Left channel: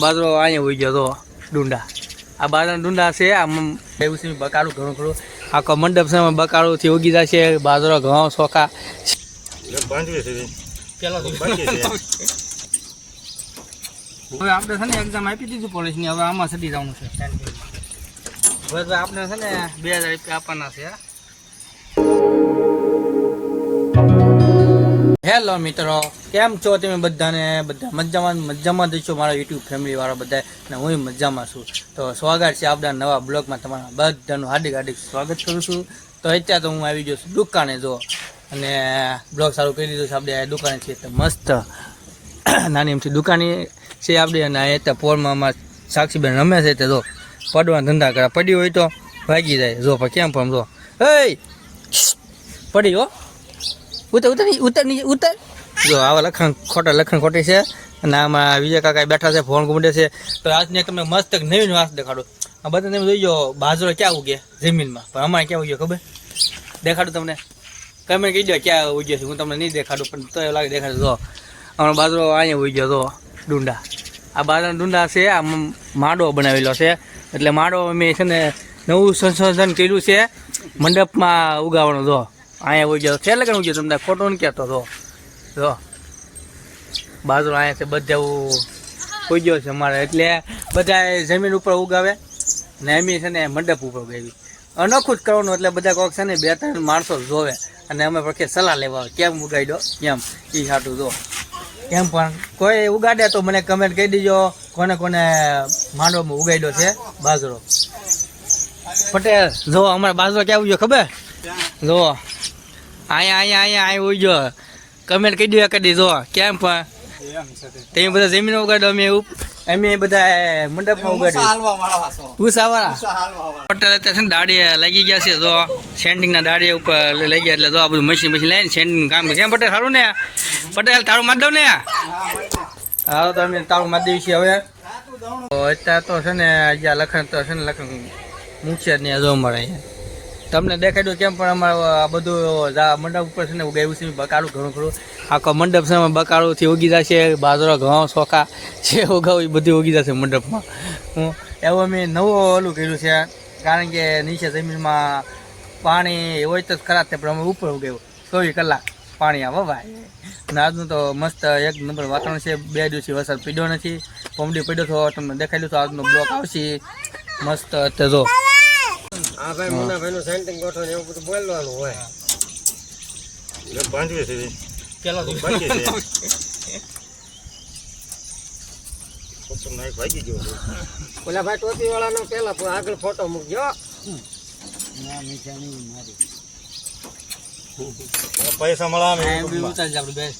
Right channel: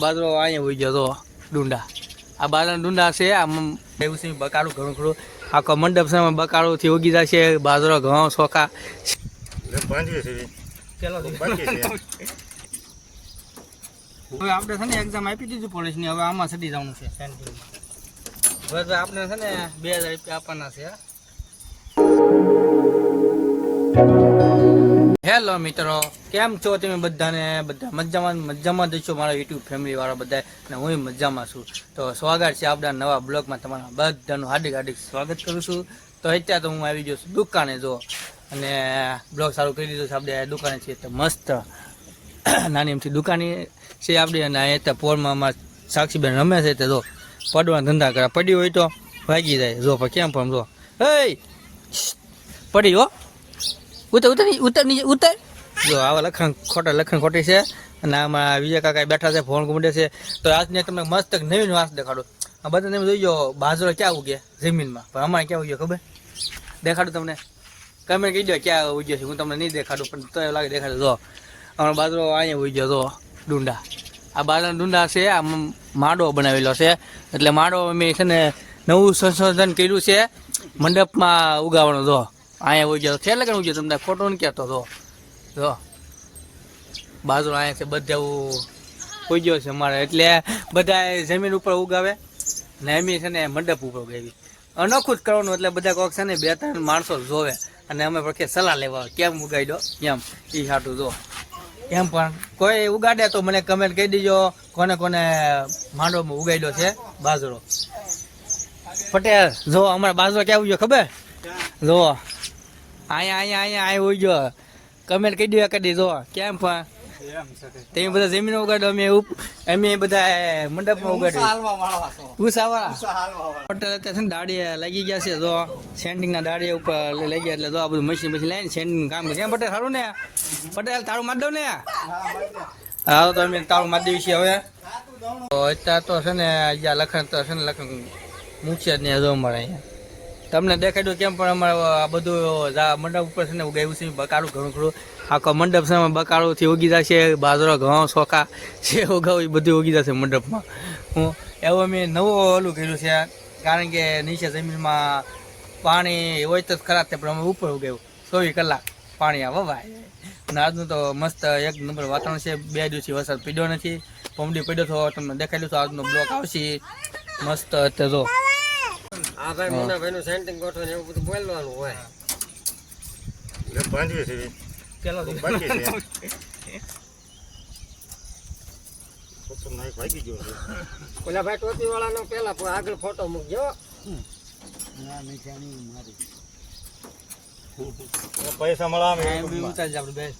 બાજરો અહીંયા હોઈ ગયો તો ડુંડા. આ બાજરા ડુંડા છે આમ એવું છે બકાળું ઘણું આખો મંડપ છે બકાળુંથી ઉગી જાય છે બાજરો ઘઉં ચોખા હવે આપણે છે ને એક્ઝામ આપી દીધું પોલીસની હવે આમાં સડી જવાનું છે. હવે આપણે છે ને બે હજાર રૂપિયા આપવાના છે હેલો મિત્રો, કેમ છો તમે બધાને? બધા મજામાં મજામાં જ છો મારા યુટ્યુબ ફેમિલી વાળા બધા, અને હું મજામાં છું. તો સ્વાગત છે આપણા નવા બ્લોગમાં તમારા બધાનું હાર્દિક હાર્દિક સ્વાગત કરું છું. તો અત્યારે તો હું આવી ગયો છું દુકાને જો, અને બ્લોગ સારું કરી દીધું છે આપણે દુકાને છે મસ્ત નાની એમથી દુકાની છે આપણે, અને આ ત્યાં પોરમાં અમારા સાક્ષીબેન રમે છે તે જો પડવાના ધંધા કર્યા પડી હોય તો ભાગી જાય. જો, પણ કેમ પણ જો. હે, પડી હો. ઉતર ઉતર ઉતર નીચે, ઉતર. જો, આવા લખણ, ખોટા લખણ ખોટી છે અને આમાં વિજય કાકા બેઠા છે, ફોન ગુમડે છે. તો આજની તમને મસ્ત નવીન વાસ દેખાડું. આ બધા તમે જોઈ જાઓ બાજરો ક્યાં ઉગે જમીનમાં? પણ અમારે ક્યાં ઉગ્યો ખબર? દેખાડું તમને. તમે કહી દો ક્યાં ઉગ્યો છે, હું તમને નહીં દેખાડું, પણ તો લાગે દેખાડે. જો અમારો બાજરો અહીંયા ઉગ્યો તો ડુંડા. આ બાજરાના ડુંડા છે, આ માડો બનાવેલો છે. એટલે માડો અમે છે ને નવું સંશોધન કર્યું છે, મંડપમાં ઉગાવવાનો, જો. અહીંયા ઉગ્યો છે. લગન ઉગ્યો તમને ખોટો ને કહેતો. તો જો. બાજરો અહીંયા છે બધે ઉગ્યો છે અમારે. એટલે બધા જમીન ઉપર ઉગાવે. ને એમી છે ને મંડપ ઉપર ઉગાવી. અનોખું જ કરવાનું એટલે બધા કોક છે ને બે ત્રણ માણસો જોવે. અને અમે પછી સલાહ લેવા કેમ ઉગાડી દો? કેમ એ સાટું જો. એમ પણ કોઈ ઉગાડે તો મને કમેન્ટ કહી દેજો. કોને કોને માંડવામાં ઉગાડ્યો છે બાજરો. પટેલ, જો અમારા બાજરો ક્યાં ઉગ્યો ખબર? જો. અહીંયા અહીંયા અહીંયા આવ્યો ઉગ્યો કમેન્ટ કહી દો કરી જો કેમ પણ? તમે બધા જમીન ઉગાડો અમે અમે બધા મંડપમાં ઉગાડ્યો ઉષાવાળા પટેલ અત્યારે છે ને દાડીએ લાગી ગયા છે જો. સેન્ડિંગના દાડીએ ઉપર લઈ ગયા એટલે જો આ બધું મશીન મશીન લઈને સેન્ડિંગ કામ કરે. કેમ પટેલ સારું ને? પટેલ તારું માર દઉં ને? હા તો અમે તારું મારી દઈએ છીએ હવે. તો અત્યારે તો છે ને જ્યાં લખણ તો છે ને લખણ મૂકશે જ નહીં હજુ મળે તમને દેખાડ્યું કેમ પણ અમારે બધું મંડપ ઉપર છે ને ઉગાવ્યું છે, બકાળું ઘણું ખરું આખો મંડપ છે બકાળુંથી ઉગી જશે, બાજરો, ઘઉં ચોખા જે ઉગાવું એ બધું ઉગી જશે મંડપમાં. હું એવું અમે નવું ઓલું કર્યું છે, કારણ કે નીચે જમીનમાં પાણી હોય તો ખરાબ થાય પણ અમે ઉપર ઉગાવ્યું. ચોવીસ કલાક પાણી આ વવાય અને આજનું તો મસ્ત એક નંબર વાતાવરણ છે, બે દિવસથી વરસાદ પીડ્યો નથી. કોમડી પડ્યો તો તમને દેખાડ્યું તો આજનો બ્લોક આવશે. મસ્ત જો. આ ભાઈ મુન્ના ભાઈ નું સેન્ટિંગ ગોઠવણ ને એવું બધું બોલવાનું હોય. બાંધીએ છીએ પેલો બાંધીએ છીએ ભાગી ગયો ઓલા ભાઈ ટોપી વાળા નો પેલા આગળ ફોટો મૂકજો પૈસા મળે આમ હા, એવું ઉતારી જ આપણું બેન.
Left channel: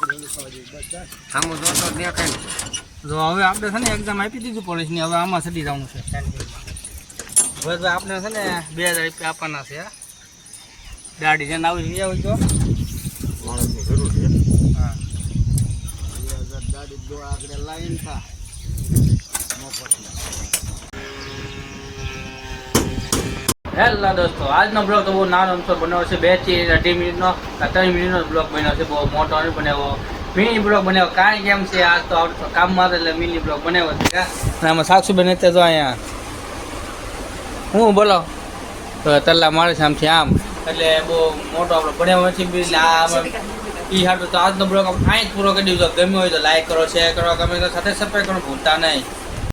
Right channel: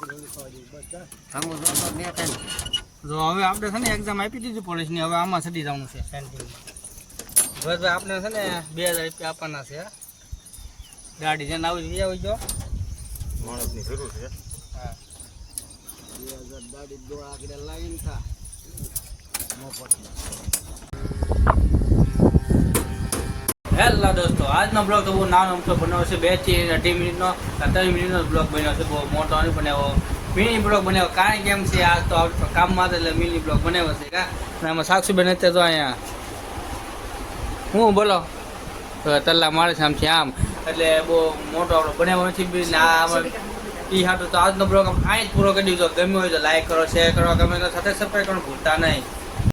આમ જોતો દેખાય જો હવે આપણે છે ને એક્ઝામ આપી દીધી પોલીસની હવે આમાં સડી જવાનું છે. હવે તો આપણે છે ને બે હજાર રૂપિયા આપવાના છે દાઢી જેને આવી લઈ આવી તો. માણસની જરૂર છે. આગળ લાવીને દોસ્તો આજનો બ્લોગ તો બહુ નાનો અમથો બનાવ્યો છે. બેથી અઢી મિનિટનો ત્રણ મિનિટનો બ્લોગ બન્યો છે. બહુ મોટો નહીં બનાવ્યો મિની બ્લોગ બનાવ્યો કારણ કે એમ છે આ તો કામમાં એટલે મિની બ્લોગ બનાવ્યો છે અને આમાં સાક્ષીબેન અત્યારે તો અહીંયા હું બોલો? તો તલ્લા મારે છે આમથી આમ. એટલે બહુ મોટો આપણો ભણ્યો નથી એટલે આ એ હાટું તો આજનો બ્લોગ આપણે અહીં જ પૂરો કરી દીધો. ગમ્યો હોય તો લાઈક કરો શેર કરો ગમે તો સાથે સબસ્ક્રાઈબ કરો ભૂલતા નહીં.